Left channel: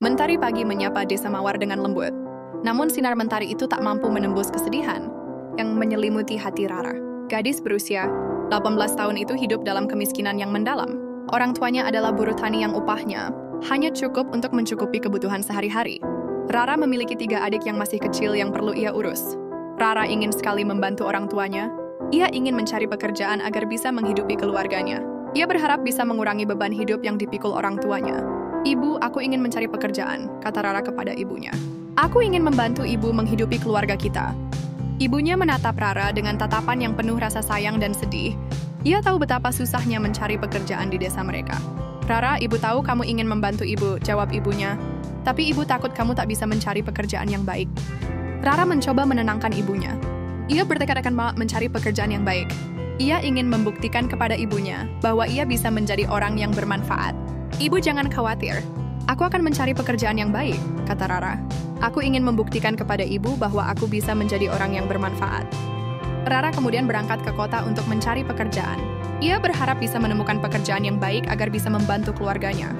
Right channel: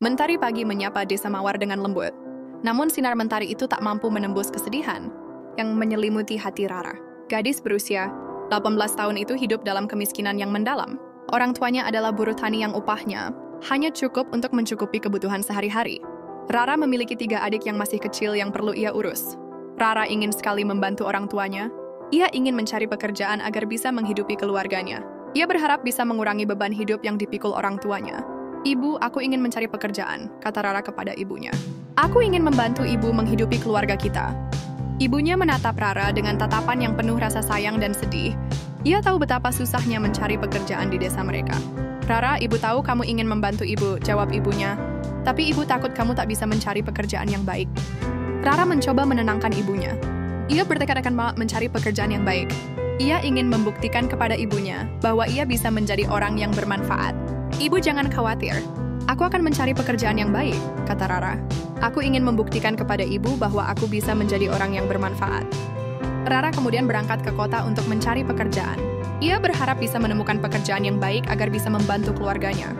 Mentari pagi menyapa desa Mawar dengan lembut. Namun sinar mentari itu tak mampu menembus kesedihan yang menyelimuti hati Rara. Gadis berusia 18 tahun itu hidup dalam kemiskinan yang mendalam. Orang tuanya adalah buruh tani yang upahnya hanya cukup untuk mencukupi kebutuhan sehari-hari. Rara memiliki 3 adik yang masih kecil yang perlu ia urus. Rara ingin sekali membantu orang tuanya. Ia ingin mencari pekerjaan agar bisa menghidupi keluarganya. Ia berharap bisa mengurangi beban hidup yang dipikul orang tuanya. "Ibu, aku ingin mencari pekerjaan," kata Rara kepada ibunya. "Aku ingin membantu ibu menghidupi keluarga kita." Ibunya menatap Rara dengan tatapan yang penuh rasa sayang dan sedih. Ia tahu betapa susahnya mencari pekerjaan di desa mereka. "Rara, ibu tahu kamu ingin membantu ibu," jawab ibunya. "Tapi ibu takut kamu tak bisa mencari pekerjaan yang baik." Rara mencoba menenangkan ibunya. Ia bertekad akan mencari pekerjaan yang baik. Ia ingin membuktikan kepada ibunya bahwa ia bisa menjadi orang yang bermanfaat. "Ibu jangan khawatir. Aku akan mencari pekerjaan yang baik," kata Rara. "Aku ingin membuktikan kepada ibu bahwa aku bisa menjadi orang yang bermanfaat." Rara kemudian berangkat ke kota untuk mencari pekerjaan. Ia berharap bisa menemukan pekerjaan yang baik agar bisa membantu keluarganya.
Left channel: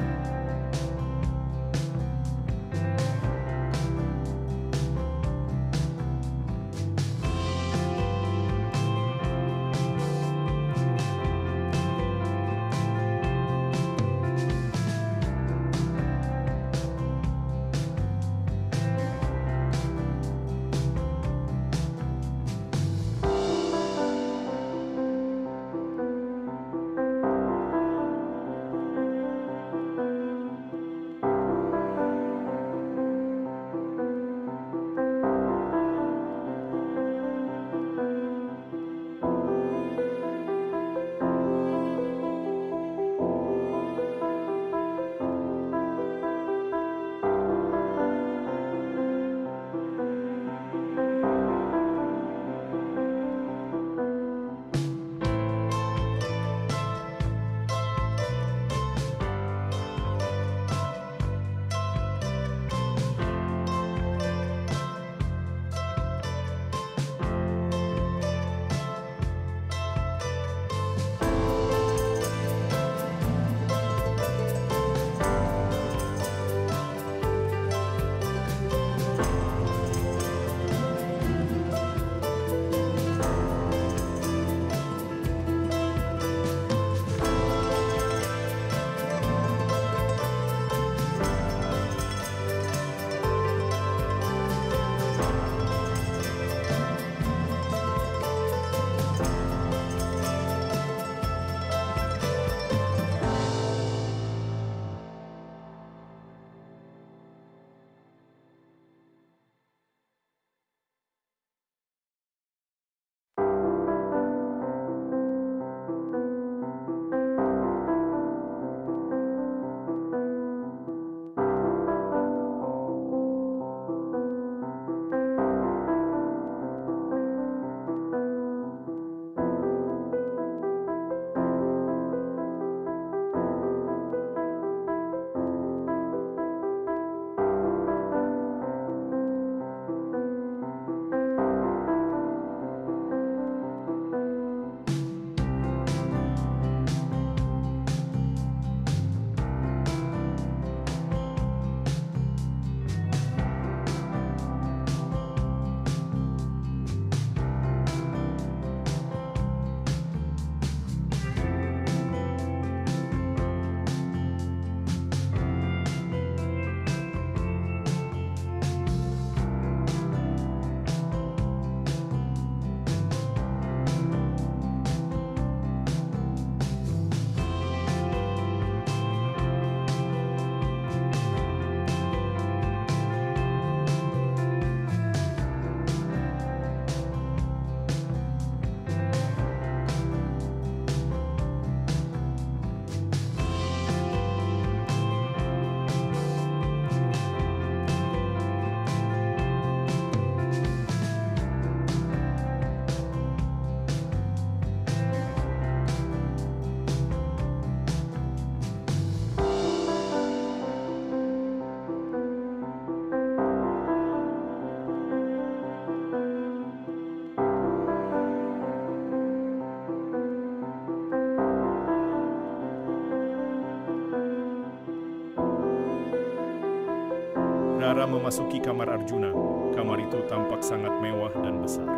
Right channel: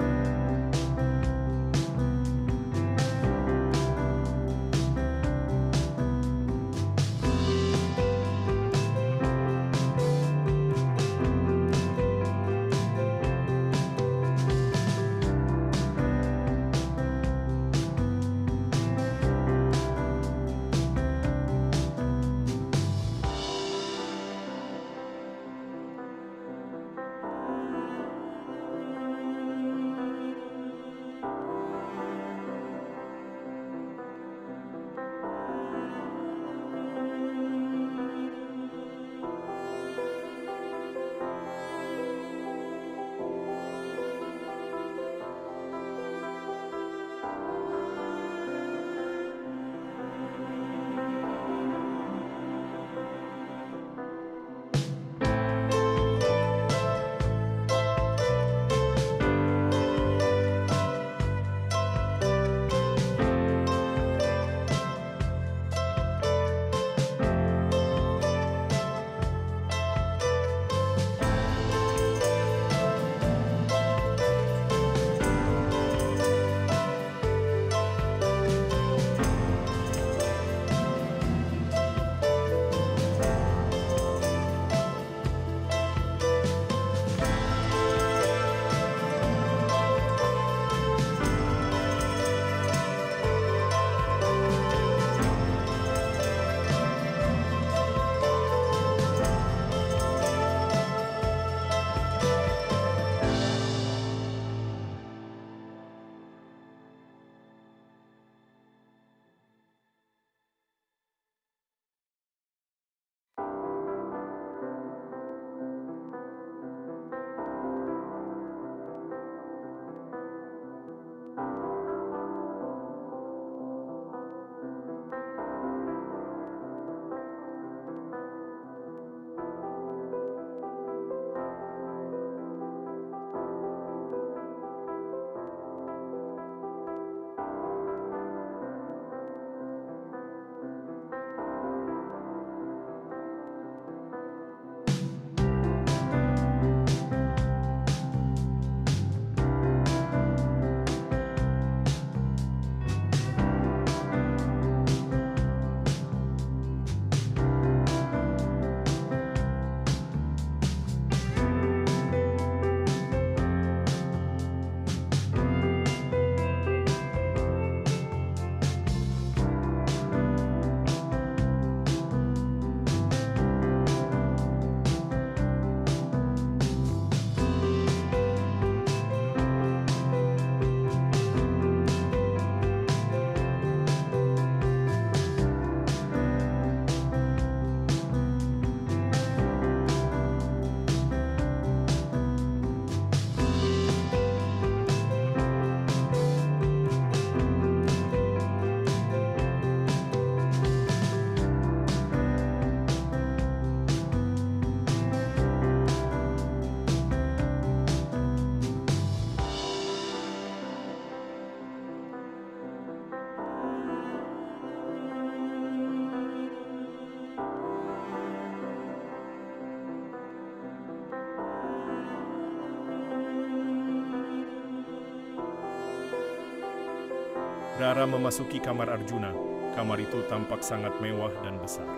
Rara memasuki kamar Arjuna. Kamar itu tampak sangat mewah dan besar.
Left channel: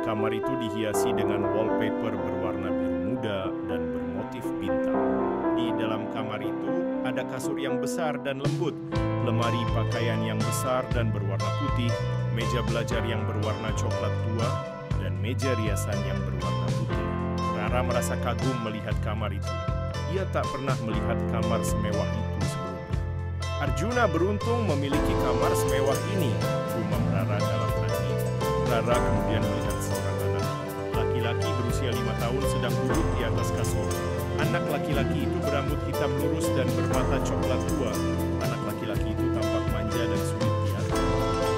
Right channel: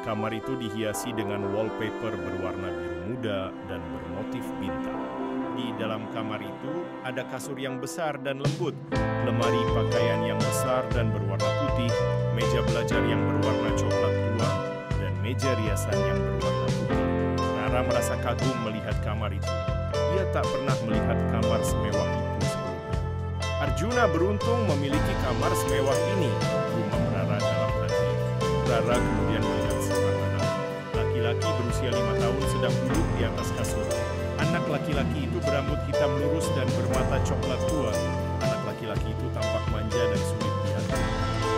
Kamar itu dihiasi dengan wallpaper berwarna biru muda dan bermotif bintang. Di dalam kamar itu ada kasur yang besar dan lembut, lemari pakaian yang besar dan berwarna putih, meja belajar yang berwarna coklat tua, dan meja riasan yang berwarna putih. Rara merasa kagum melihat kamar itu. Ia tak pernah melihat kamar semewah itu sebelumnya. Arjuna beruntung memiliki kamar semewah ini, gumam Rara dalam hati. Rara kemudian melihat seorang anak laki-laki berusia 5 tahun sedang duduk di atas kasur. Anak laki-laki itu berambut hitam lurus dan bermata coklat tua. Anak laki-laki itu tampak manja dan sulit diatur.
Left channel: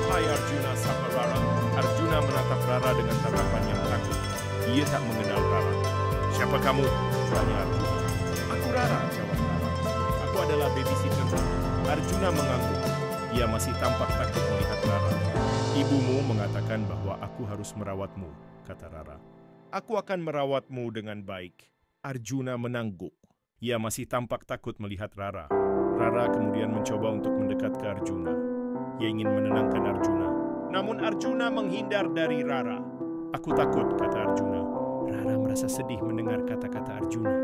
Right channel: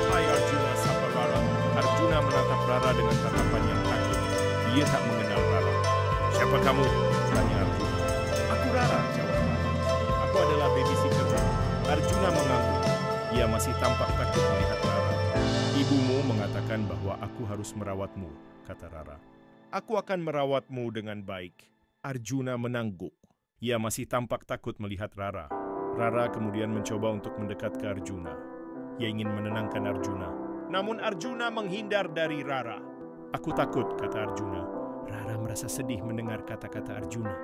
"Hai Arjuna," sapa Rara. Arjuna menatap Rara dengan tatapan yang takut. Ia tak mengenal Rara. "Siapa kamu?" tanya Arjuna. "Aku Rara," jawab Rara. "Aku adalah babysittermu." Arjuna mengangguk. Ia masih tampak takut melihat Rara. "Ibumu mengatakan bahwa aku harus merawatmu," kata Rara. "Aku akan merawatmu dengan baik." Arjuna menangguk. Ia masih tampak takut melihat Rara. Rara kemudian mencoba untuk mendekat ke Arjuna. Ia ingin menenangkan Arjuna. Namun Arjuna menghindar dari Rara. "Aku takut," kata Arjuna. Rara merasa sedih mendengar kata-kata Arjuna.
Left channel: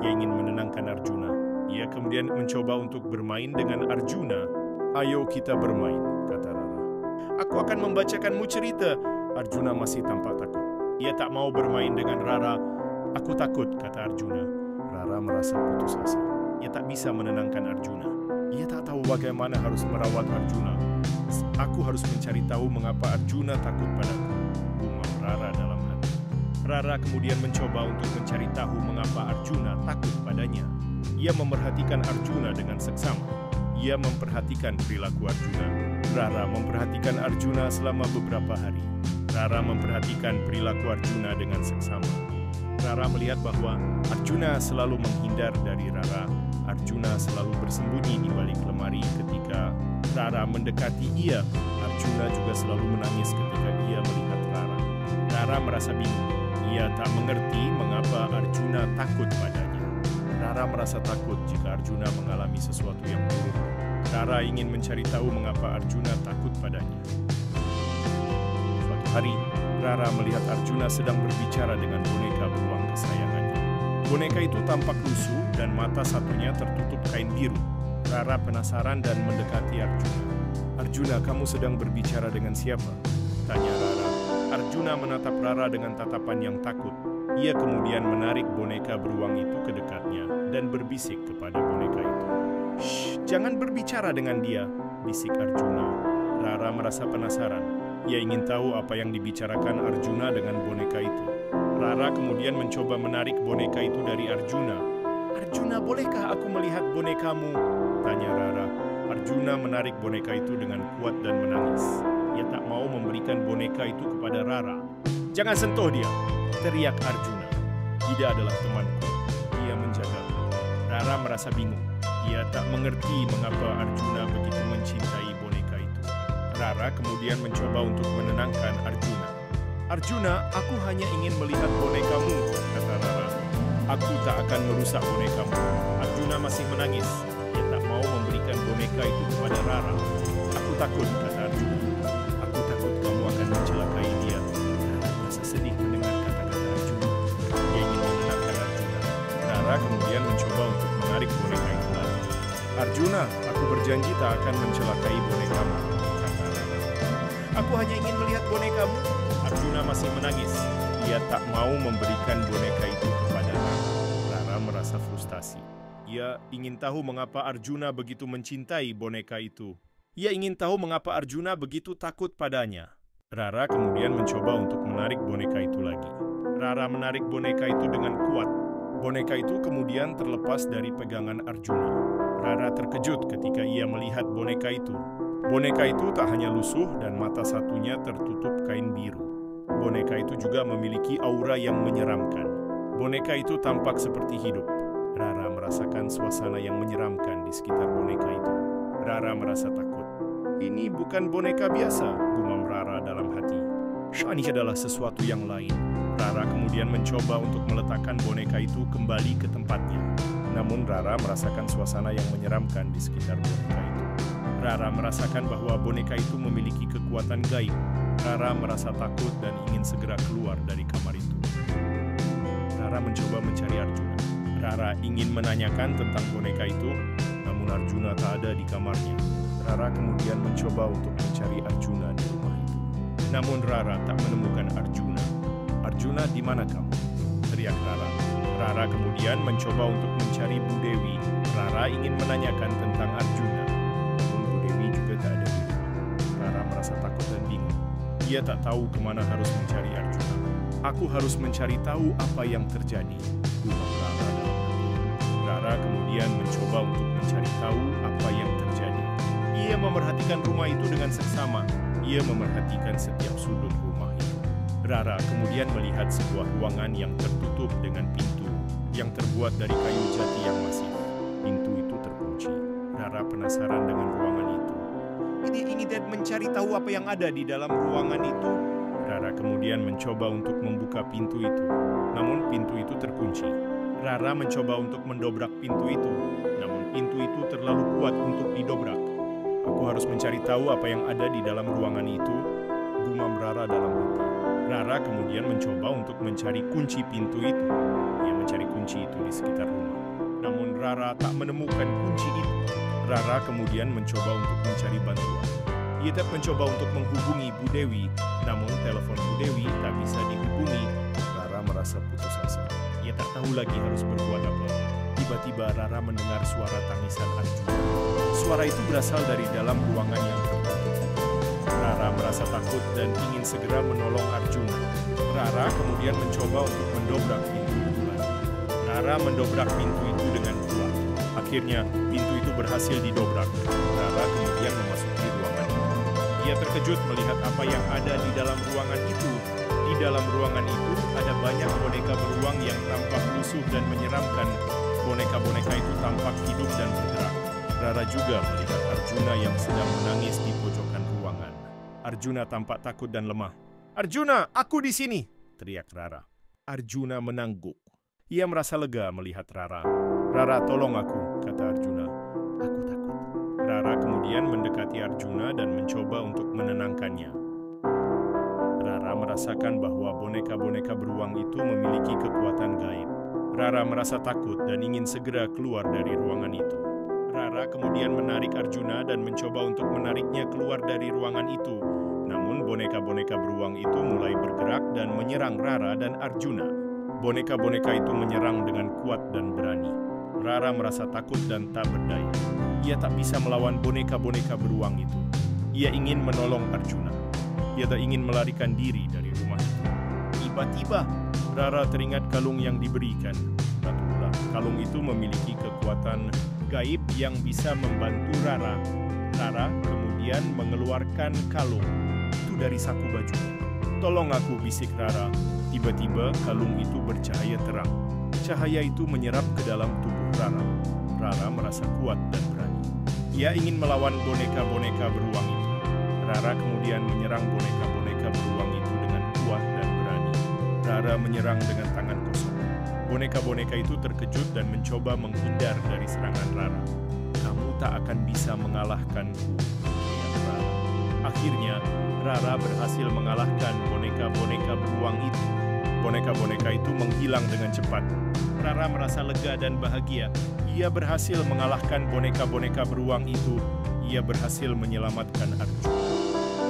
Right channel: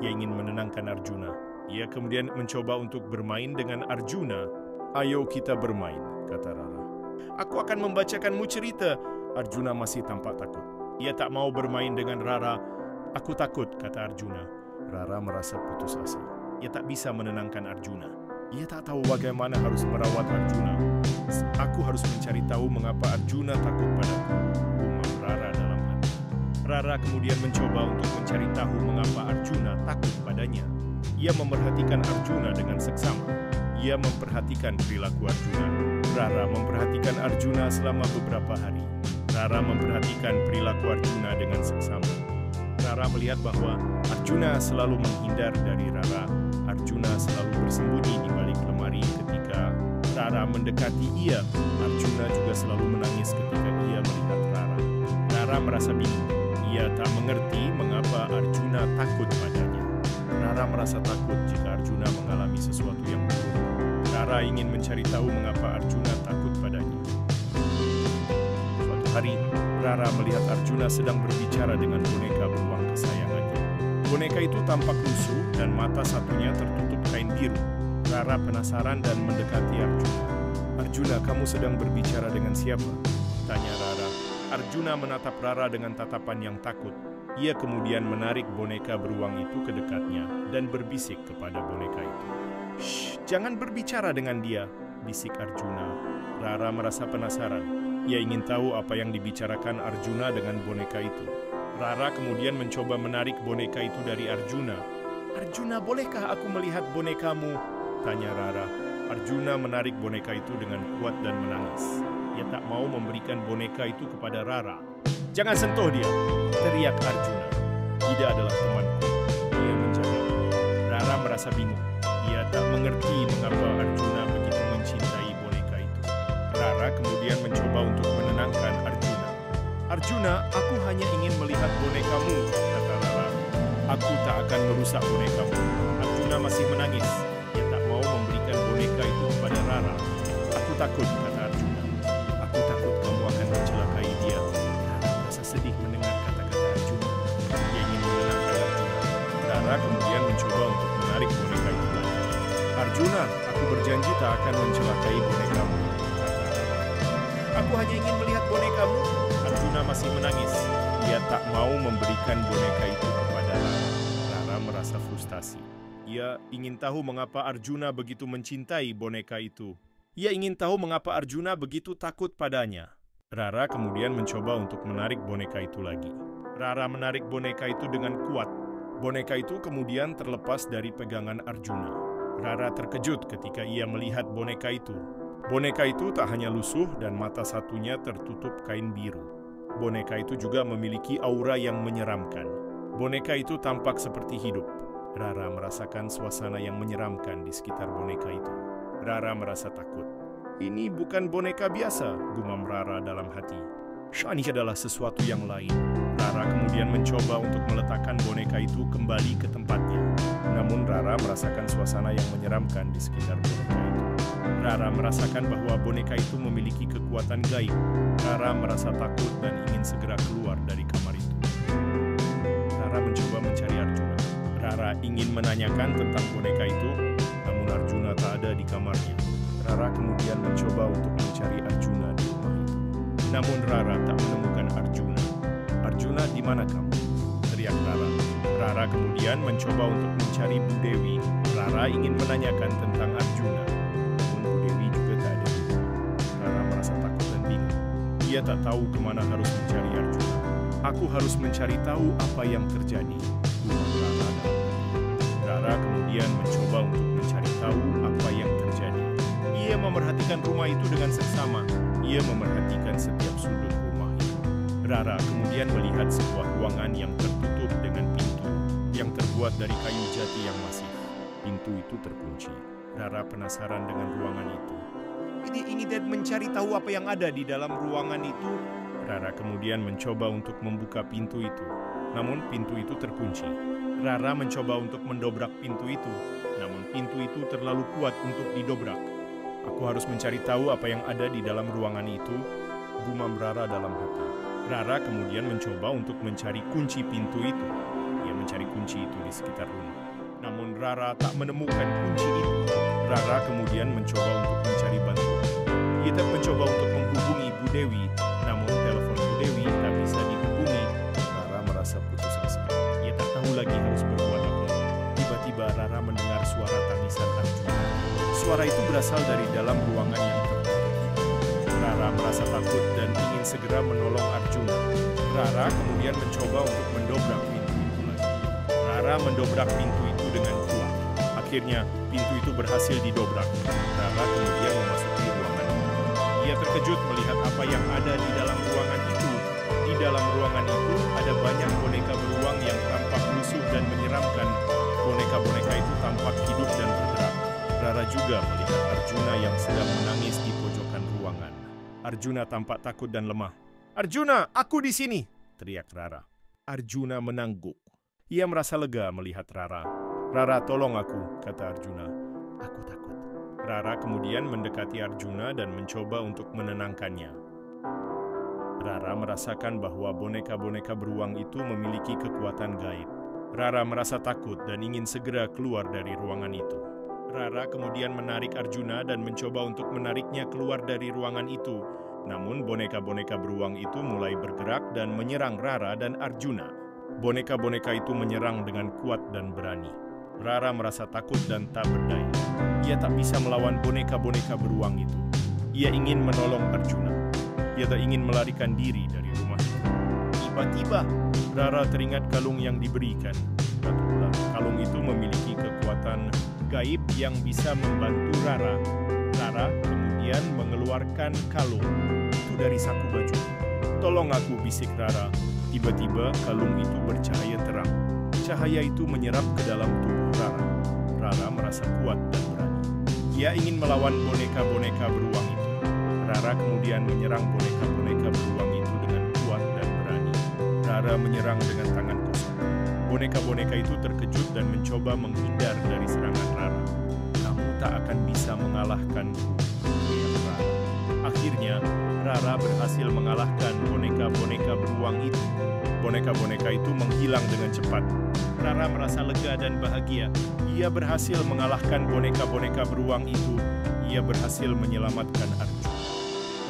Ia ingin menenangkan Arjuna. Ia kemudian mencoba untuk bermain dengan Arjuna. "Ayo kita bermain," kata Rara. "Aku akan membacakanmu cerita." Arjuna masih tampak takut. Ia tak mau bermain dengan Rara. "Aku takut," kata Arjuna. Rara merasa putus asa. Ia tak bisa menenangkan Arjuna. Ia tak tahu bagaimana harus merawat Arjuna. "Aku harus mencari tahu mengapa Arjuna takut padaku," gumam Rara dalam hati. Rara kemudian mencoba untuk mencari tahu mengapa Arjuna takut padanya. Ia memperhatikan Arjuna dengan seksama. Ia memperhatikan perilaku Arjuna. Rara memperhatikan Arjuna selama beberapa hari. Rara memperhatikan perilaku Arjuna dengan seksama. Rara melihat bahwa Arjuna selalu menghindar dari Rara. Arjuna selalu bersembunyi di balik lemari ketika Rara mendekati ia. Arjuna juga selalu menangis ketika ia melihat Rara. Rara merasa bingung. Ia tak mengerti mengapa Arjuna takut padanya. Rara merasa takut jika Arjuna mengalami sesuatu yang buruk. Rara ingin mencari tahu mengapa Arjuna takut padanya. Suatu hari, Rara melihat Arjuna sedang berbicara dengan boneka beruang kesayangannya. Boneka itu tampak lusuh dan mata satunya tertutup kain biru. Rara penasaran dan mendekati Arjuna. "Arjuna, kamu sedang berbicara dengan siapa?" tanya Rara. Arjuna menatap Rara dengan tatapan yang takut. Ia kemudian menarik boneka beruang itu ke dekatnya dan berbisik kepada boneka itu. "Shh, jangan berbicara dengan dia," bisik Arjuna. Rara merasa penasaran. Ia ingin tahu apa yang dibicarakan Arjuna dengan boneka itu. Rara kemudian mencoba menarik boneka itu dari Arjuna. "Arjuna, bolehkah aku melihat bonekamu?" tanya Rara. Arjuna menarik boneka itu dengan kuat dan menangis. Ia tak mau memberikan boneka itu kepada Rara. "Jangan sentuh dia!" teriak Arjuna. "Dia adalah temanku. Dia menjagaku." Rara merasa bingung. Ia tak mengerti mengapa Arjuna begitu mencintai boneka itu. Rara kemudian mencoba untuk menenangkan Arjuna. "Arjuna, aku hanya ingin melihat bonekamu," kata Rara. "Aku tak akan merusak bonekamu." Arjuna masih menangis. Ia tak mau memberikan boneka itu kepada Rara. "Aku takut," kata Arjuna. "Aku takut kamu akan mencelakai dia." Rara merasa sedih mendengar kata-kata Arjuna. Ia ingin menenangkan Arjuna. Rara kemudian mencoba untuk menarik boneka itu lagi. "Arjuna, aku berjanji tak akan mencelakai bonekamu," kata Rara. "Aku hanya ingin melihat bonekamu." Arjuna masih menangis. Ia tak mau memberikan boneka itu kepada Rara. Rara merasa frustasi. Ia ingin tahu mengapa Arjuna begitu mencintai boneka itu. Ia ingin tahu mengapa Arjuna begitu takut padanya. Rara kemudian mencoba untuk menarik boneka itu lagi. Rara menarik boneka itu dengan kuat. Boneka itu kemudian terlepas dari pegangan Arjuna. Rara terkejut ketika ia melihat boneka itu. Boneka itu tak hanya lusuh dan mata satunya tertutup kain biru. Boneka itu juga memiliki aura yang menyeramkan. Boneka itu tampak seperti hidup. Rara merasakan suasana yang menyeramkan di sekitar boneka itu. Rara merasa takut. "Ini bukan boneka biasa," gumam Rara dalam hati. "Ini adalah sesuatu yang lain." Rara kemudian mencoba untuk meletakkan boneka itu kembali ke tempatnya. Namun Rara merasakan suasana yang menyeramkan di sekitar boneka itu. Rara merasakan bahwa boneka itu memiliki kekuatan gaib. Rara merasa takut dan ingin segera keluar dari kamar itu. Rara mencoba mencari Arjuna. Rara ingin menanyakan tentang boneka itu, namun Arjuna tak ada di kamarnya. Rara kemudian mencoba untuk mencari Arjuna di rumah itu. Namun Rara tak menemukan Arjuna. "Arjuna, di mana kamu?" teriak Rara. Rara kemudian mencoba untuk mencari Bu Dewi. Rara ingin menanyakan tentang Arjuna, namun Bu Dewi juga tak ada di rumah. Rara merasa takut dan bingung. Ia tak tahu kemana harus mencari Arjuna. "Aku harus mencari tahu apa yang terjadi," gumam Rara dalam hati. Rara kemudian mencoba untuk mencari tahu apa yang terjadi. Ia memerhatikan rumah itu dengan seksama. Ia memerhatikan setiap sudut rumah itu. Rara kemudian melihat sebuah ruangan yang tertutup dengan pintu yang terbuat dari kayu jati yang masif. Pintu itu terkunci. Rara penasaran dengan ruangan itu. Dia ingin mencari tahu apa yang ada di dalam ruangan itu. Rara kemudian mencoba untuk membuka pintu itu. Namun pintu itu terkunci. Rara mencoba untuk mendobrak pintu itu. Namun pintu itu terlalu kuat untuk didobrak. "Aku harus mencari tahu apa yang ada di dalam ruangan itu," gumam Rara dalam hati. Rara kemudian mencoba untuk mencari kunci pintu itu. Ia mencari kunci itu di sekitar rumah. Namun Rara tak menemukan kunci itu. Rara kemudian mencoba untuk mencari bantuan. Ia tak mencoba untuk menghubungi Bu Dewi, namun telepon Bu Dewi tak bisa dihubungi. Rara merasa putus asa. Ia tak tahu lagi harus berbuat apa. Tiba-tiba Rara mendengar suara tangisan Arjuna. Suara itu berasal dari dalam ruangan yang tertutup. Rara merasa takut dan ingin segera menolong Arjuna. Rara kemudian mencoba untuk mendobrak pintu itu lagi. Rara mendobrak pintu itu dengan kuat. Akhirnya, pintu itu berhasil didobrak. Rara kemudian memasuki ruangan itu. Ia terkejut melihat apa yang ada di dalam ruangan itu. Di dalam ruangan itu ada banyak boneka beruang yang tampak lusuh dan menyeramkan. Boneka-boneka itu tampak hidup dan bergerak. Rara juga melihat Arjuna yang sedang menangis di pojokan ruangan. Arjuna tampak takut dan lemah. "Arjuna, aku di sini!" teriak Rara. Arjuna menangguk. Ia merasa lega melihat Rara. "Rara, tolong aku," kata Arjuna. "Aku takut." Rara kemudian mendekati Arjuna dan mencoba untuk menenangkannya. Rara merasakan bahwa boneka-boneka beruang itu memiliki kekuatan gaib. Rara merasa takut dan ingin segera keluar dari ruangan itu. Rara kemudian menarik Arjuna dan mencoba untuk menariknya keluar dari ruangan itu. Namun boneka-boneka beruang itu mulai bergerak dan menyerang Rara dan Arjuna. Boneka-boneka itu menyerang dengan kuat dan berani. Rara merasa takut dan tak berdaya. Ia tak bisa melawan boneka-boneka beruang itu. Ia ingin menolong Arjuna. Ia tak ingin melarikan diri dari rumah itu. Tiba-tiba, Rara teringat kalung yang diberikan. Ratulah, kalung itu memiliki kekuatan gaib yang bisa membantu Rara. Rara kemudian mengeluarkan kalung itu dari saku baju. "Tolong aku," bisik Rara. Tiba-tiba kalung itu bercahaya terang. Cahaya itu menyerap ke dalam tubuh Rara. Rara merasa kuat dan berani. Ia ingin melawan boneka-boneka beruang itu. Rara kemudian menyerang boneka-boneka beruang itu dengan kuat dan berani. Rara menyerang dengan tangan kosong. Boneka-boneka itu terkejut dan mencoba menghindar dari serangan Rara. "Kamu tak akan bisa mengalahkanku," teriak Rara. Akhirnya, Rara berhasil mengalahkan boneka-boneka beruang itu. Boneka-boneka itu menghilang dengan cepat. Rara merasa lega dan bahagia. Ia berhasil mengalahkan boneka-boneka beruang itu. Ia berhasil menyelamatkan Arjuna.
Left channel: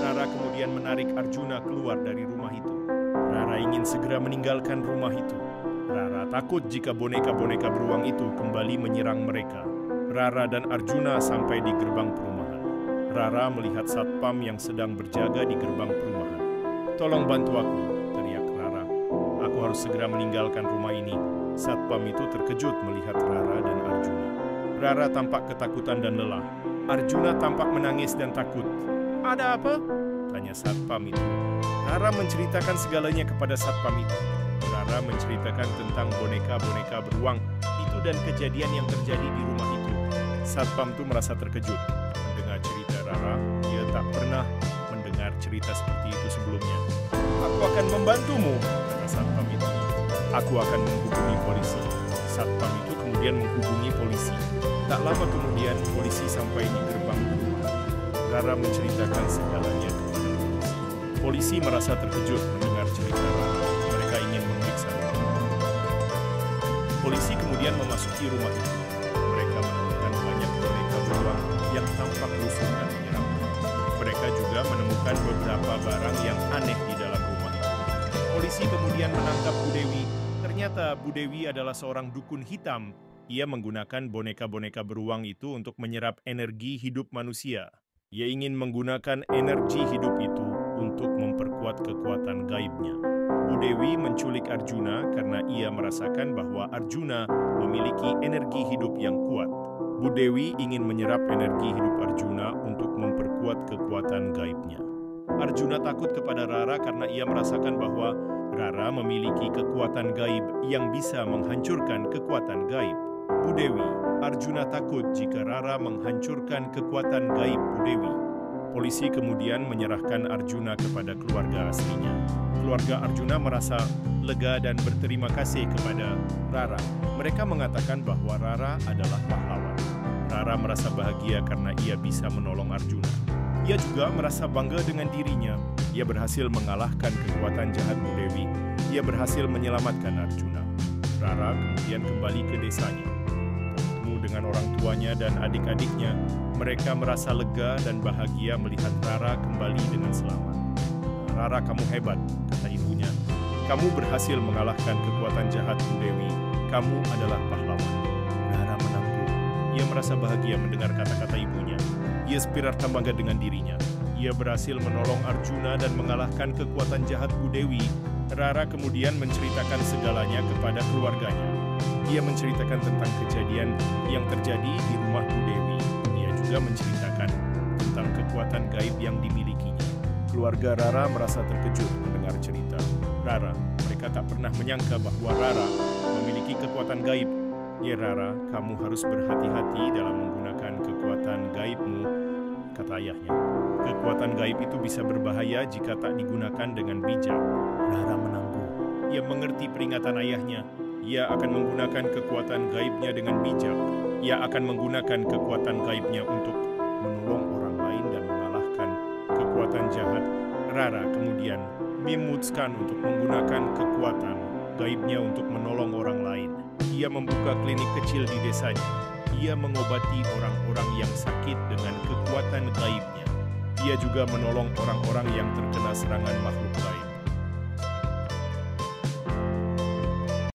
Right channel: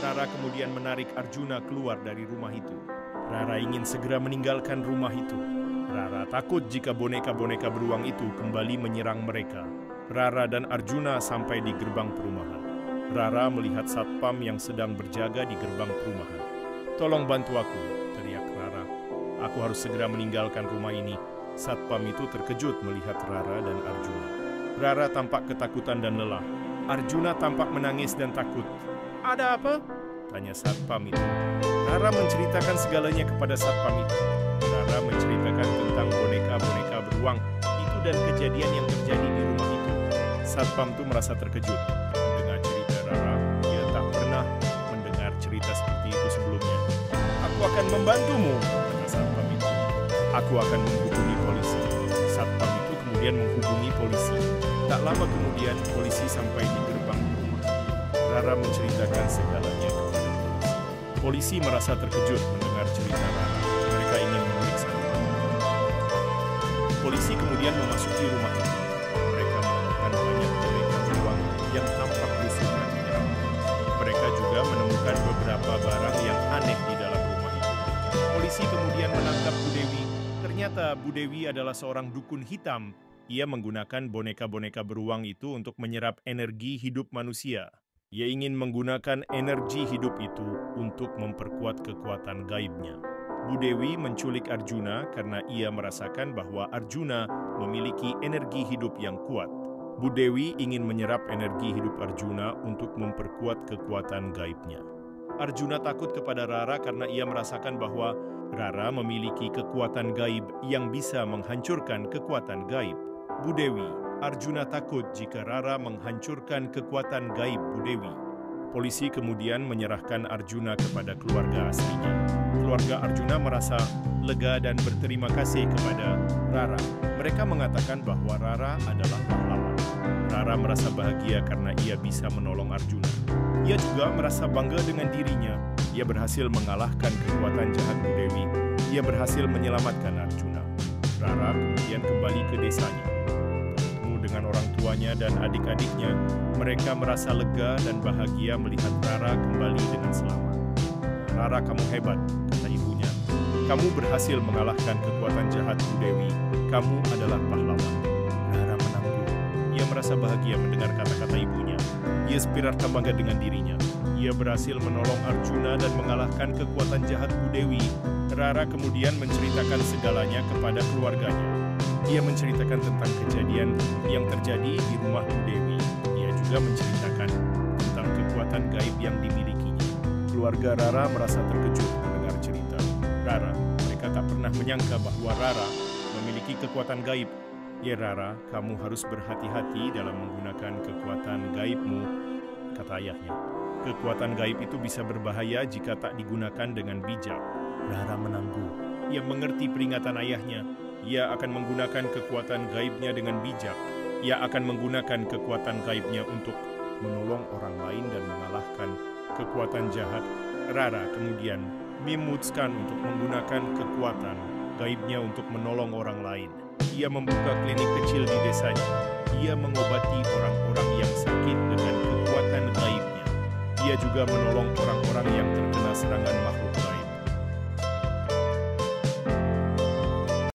Rara kemudian menarik Arjuna keluar dari rumah itu. Rara ingin segera meninggalkan rumah itu. Rara takut jika boneka-boneka beruang itu kembali menyerang mereka. Rara dan Arjuna sampai di gerbang perumahan. Rara melihat satpam yang sedang berjaga di gerbang perumahan. "Tolong bantu aku," teriak Rara. "Aku harus segera meninggalkan rumah ini." Satpam itu terkejut melihat Rara dan Arjuna. Rara tampak ketakutan dan lelah. Arjuna tampak menangis dan takut. "Ada apa?" tanya satpam itu. Rara menceritakan segalanya kepada satpam itu. Rara menceritakan tentang boneka-boneka beruang itu dan kejadian yang terjadi di rumah itu. Satpam itu merasa terkejut mendengar cerita Rara. Ia tak pernah mendengar cerita seperti itu sebelumnya. "Aku akan membantumu," kata satpam itu. "Aku akan menghubungi polisi." Satpam itu kemudian menghubungi polisi. Tak lama kemudian polisi sampai di gerbang Rara menceritakan segalanya kepada polisi. Polisi merasa terkejut mendengar cerita Rara. Mereka ingin memeriksa rumah. Polisi kemudian memasuki rumah itu. Mereka menemukan banyak boneka beruang yang tampak lusuh dan menyeramkan. Mereka juga menemukan beberapa barang yang aneh di dalam rumah itu. Polisi kemudian menangkap Bu Dewi. Ternyata Bu Dewi adalah seorang dukun hitam. Ia menggunakan boneka-boneka beruang itu untuk menyerap energi hidup manusia. Ia ingin menggunakan energi hidup itu untuk memperkuat kekuatan gaibnya. Bu Dewi menculik Arjuna karena ia merasakan bahwa Arjuna memiliki energi hidup yang kuat. Bu Dewi ingin menyerap energi hidup Arjuna untuk memperkuat kekuatan gaibnya. Arjuna takut kepada Rara karena ia merasakan bahwa Rara memiliki kekuatan gaib yang bisa menghancurkan kekuatan gaib Bu Dewi. Arjuna takut jika Rara menghancurkan kekuatan gaib Bu Dewi. Polisi kemudian menyerahkan Arjuna kepada keluarga aslinya. Keluarga Arjuna merasa lega dan berterima kasih kepada Rara. Mereka mengatakan bahwa Rara adalah pahlawan. Rara merasa bahagia karena ia bisa menolong Arjuna. Ia juga merasa bangga dengan dirinya. Ia berhasil mengalahkan kekuatan jahat Bu Dewi. Ia berhasil menyelamatkan Arjuna. Rara kemudian kembali ke desanya. Bertemu dengan orang tuanya dan adik-adiknya, mereka merasa lega dan bahagia melihat Rara kembali dengan selamat. Rara, kamu hebat, kata ibunya. Kamu berhasil mengalahkan kekuatan jahat Bu Dewi. Kamu adalah pahlawan. Rara menangguk. Ia merasa bahagia mendengar kata-kata ibunya. Ia seperti bangga dengan dirinya. Ia berhasil menolong Arjuna dan mengalahkan kekuatan jahat Bu Dewi. Rara kemudian menceritakan segalanya kepada keluarganya. Ia menceritakan tentang kejadian yang terjadi di rumah Bu Dewi. Ia juga menceritakan tentang kekuatan gaib yang dimilikinya. Keluarga Rara merasa terkejut mendengar cerita Rara. Mereka tak pernah menyangka bahwa Rara memiliki kekuatan gaib. Ya Rara, kamu harus berhati-hati dalam menggunakan kekuatan gaibmu, kata ayahnya. Kekuatan gaib itu bisa berbahaya jika tak digunakan dengan bijak. Rara menangguk. Ia mengerti peringatan ayahnya. Ia akan menggunakan kekuatan gaibnya dengan bijak. Ia akan menggunakan kekuatan gaibnya untuk menolong orang lain dan mengalahkan kekuatan jahat. Rara kemudian memutuskan untuk menggunakan kekuatan gaibnya untuk menolong orang lain. Ia membuka klinik kecil di desanya. Ia mengobati orang-orang yang sakit dengan kekuatan gaibnya. Ia juga menolong orang-orang yang terkena serangan makhluk gaib.